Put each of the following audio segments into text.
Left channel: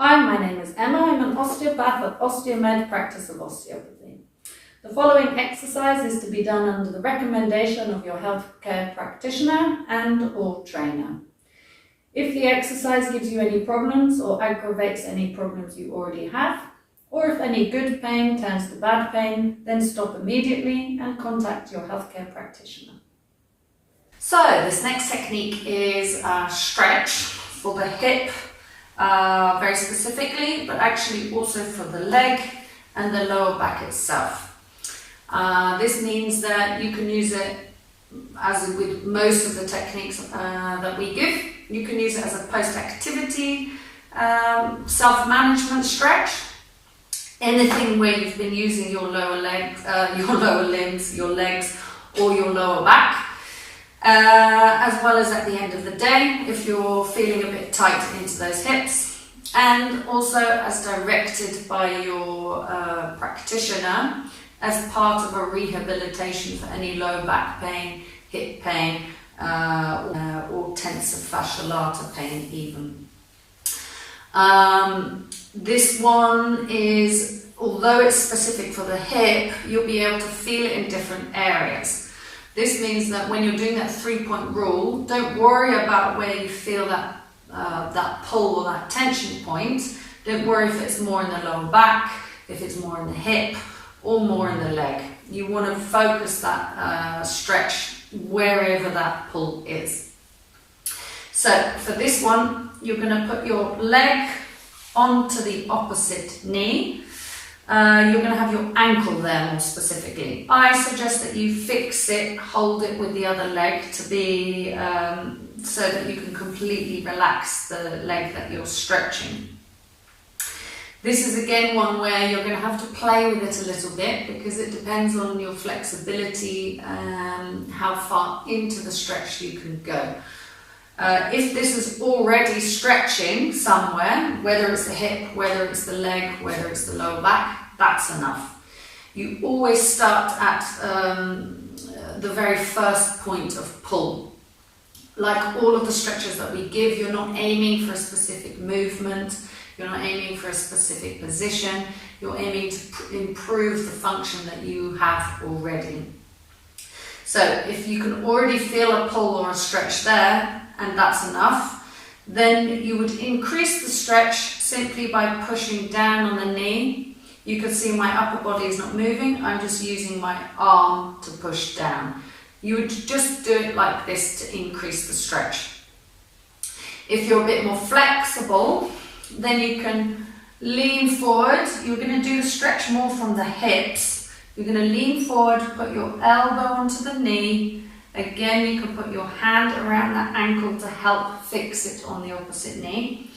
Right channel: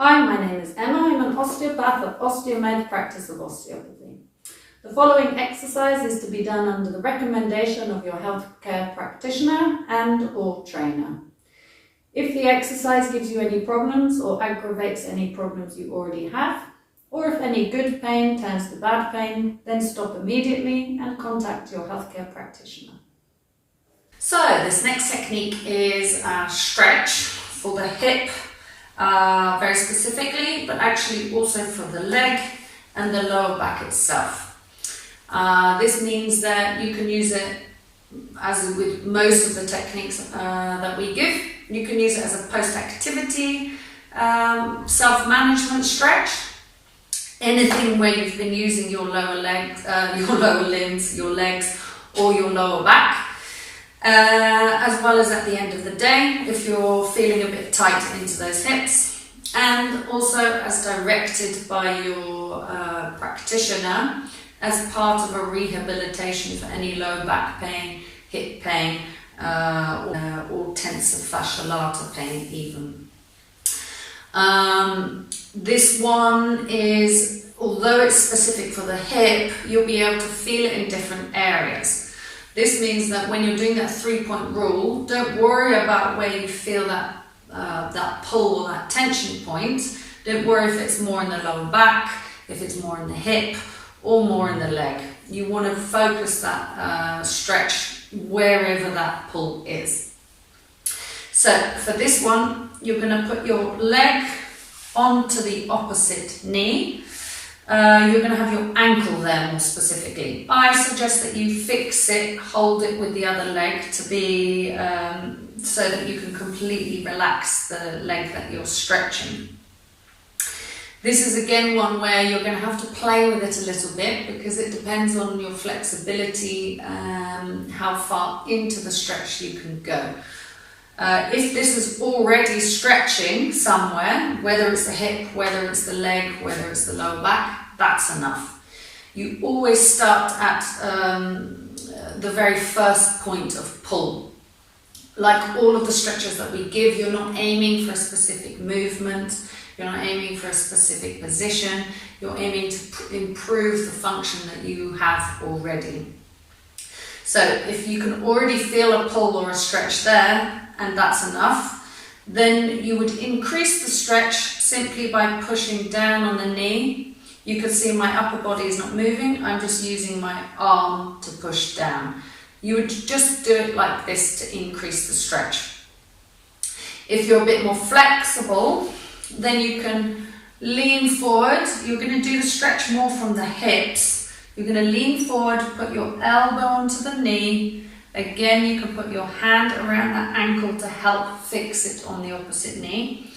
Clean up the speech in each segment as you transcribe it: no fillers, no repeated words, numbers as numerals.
Hi, my name is Emma. I'm an osteopath at Osteomed Practice of Osteopathy. The following exercise is to be done under the recommendation of your healthcare practitioner and/or trainer. If the exercise gives you any problems or aggravates any problems you already have, or if any good pain turns to bad pain, then stop immediately and contact your healthcare practitioner. So this next technique is a stretch for the hip, very specifically, but actually also for the leg and the lower back itself. This means that you can use it, as with most of the techniques that we give, you can use it as a post-activity self-management stretch. Anything where you've been using your lower legs, your lower limbs, your legs, or your lower back. As well as at the end of the day, if you're feeling a bit tight into those hips, and also as directed by your practitioner as part of a rehabilitation for any low back pain, hip pain, or tensor fascia lata pain even. This one is, although it's specific for the hip, you'll be able to feel it in different areas. This means that when you're doing that 3-point rule, don't worry about where you feel that pull or that tension point. Don't worry if it's more in the lower back, if it's more in the hip, or more in the leg. You want to focus that stretch wherever that pull is. So for this one, you're going to put your leg onto the opposite knee. You're going to have your ankle there more specifically. I suggest that you fix it, hold it with the other leg to be so that you can completely relax the leg that you're stretching. This is again one where you're going to have to play with it a little bit because it depends on your flexibility, how far into the stretch you can go. If this is already stretching somewhere, whether it's the hip, whether it's the leg, whether it's the lower back, that's enough. You always start at the very first point of pull. Like all of the stretches that we give, you're not aiming for a specific movement, you're not aiming for a specific position, you're aiming to improve the function that you have already. So if you can already feel a pull or a stretch there, and that's enough, then you would increase the stretch simply by pushing down on the knee. You can see my upper body is not moving, I'm just using my arm to push down. You would just do it like this to increase the stretch. If you're a bit more flexible, then you can lean forward. You're going to do the stretch more from the hips. You're going to lean forward, put your elbow onto the knee. Again, you can put your hand around that ankle to help fix it on the opposite knee.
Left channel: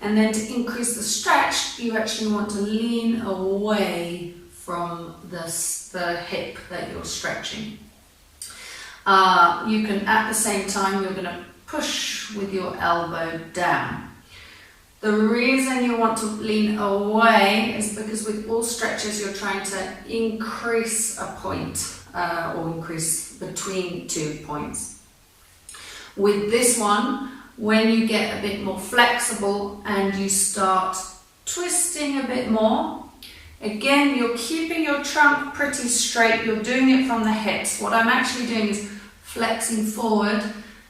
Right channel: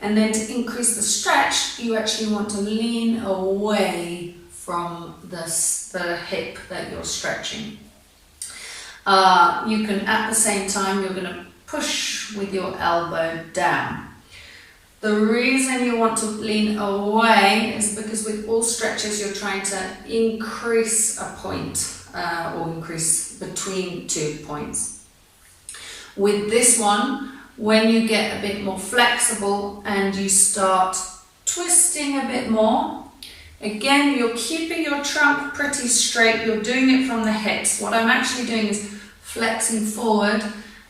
And then to increase the stretch, you actually want to lean away from the hip that you're stretching. You can, at the same time, you're going to push with your elbow down. The reason you want to lean away is because with all stretches, you're trying to increase a point. Or increase between 2 points. With this one, when you get a bit more flexible and you start twisting a bit more, again, you're keeping your trunk pretty straight, you're doing it from the hips. What I'm actually doing is flexing forward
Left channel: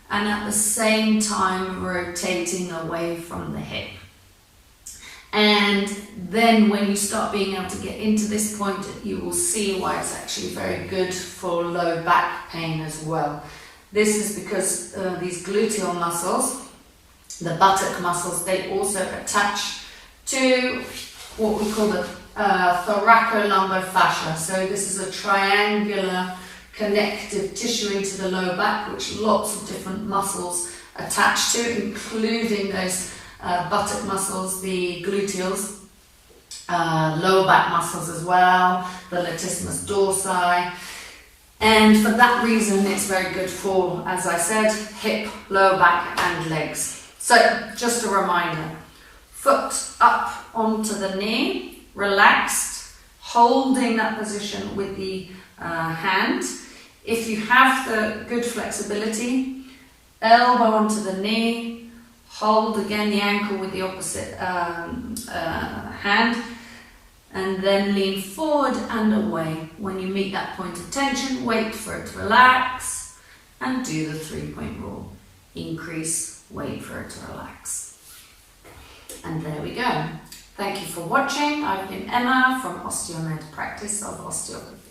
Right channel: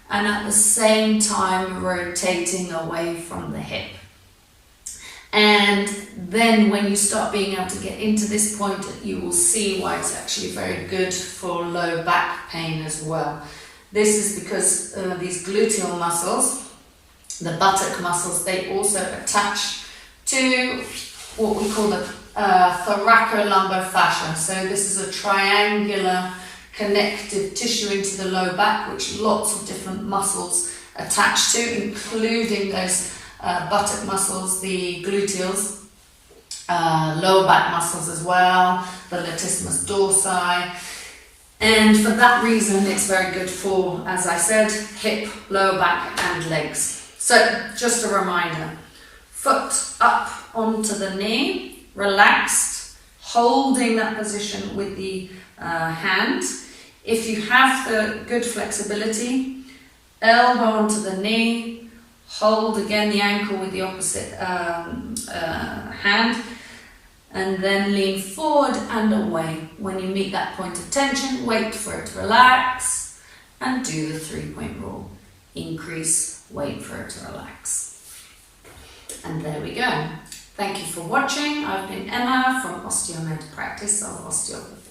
and at the same time rotating away from the hip. And then when you start being able to get into this point, you will see why it's actually very good for low back pain as well. This is because these gluteal muscles, the buttock muscles, they also attach to what we call the thoracolumbar fascia. So this is a triangular connective tissue into the low back, which lots of different muscles attach to, including those buttock muscles, the gluteals, lower back muscles as well, the latissimus dorsi. And for that reason, it's very good for, as I said, hip, lower back and legs. So just a reminder, foot up onto the knee, relaxed, holding that position with the hand. If you have the good flexibility, elbow onto the knee, hold again the ankle with the opposite hand, and then lean forward and away. When you meet that point of tension, wait for it to relax and do the 3-point rule. Increase, wait for it to relax. And there we go. Thank you for watching. I've been Emma from OsteoMed Practice of Osteopathy.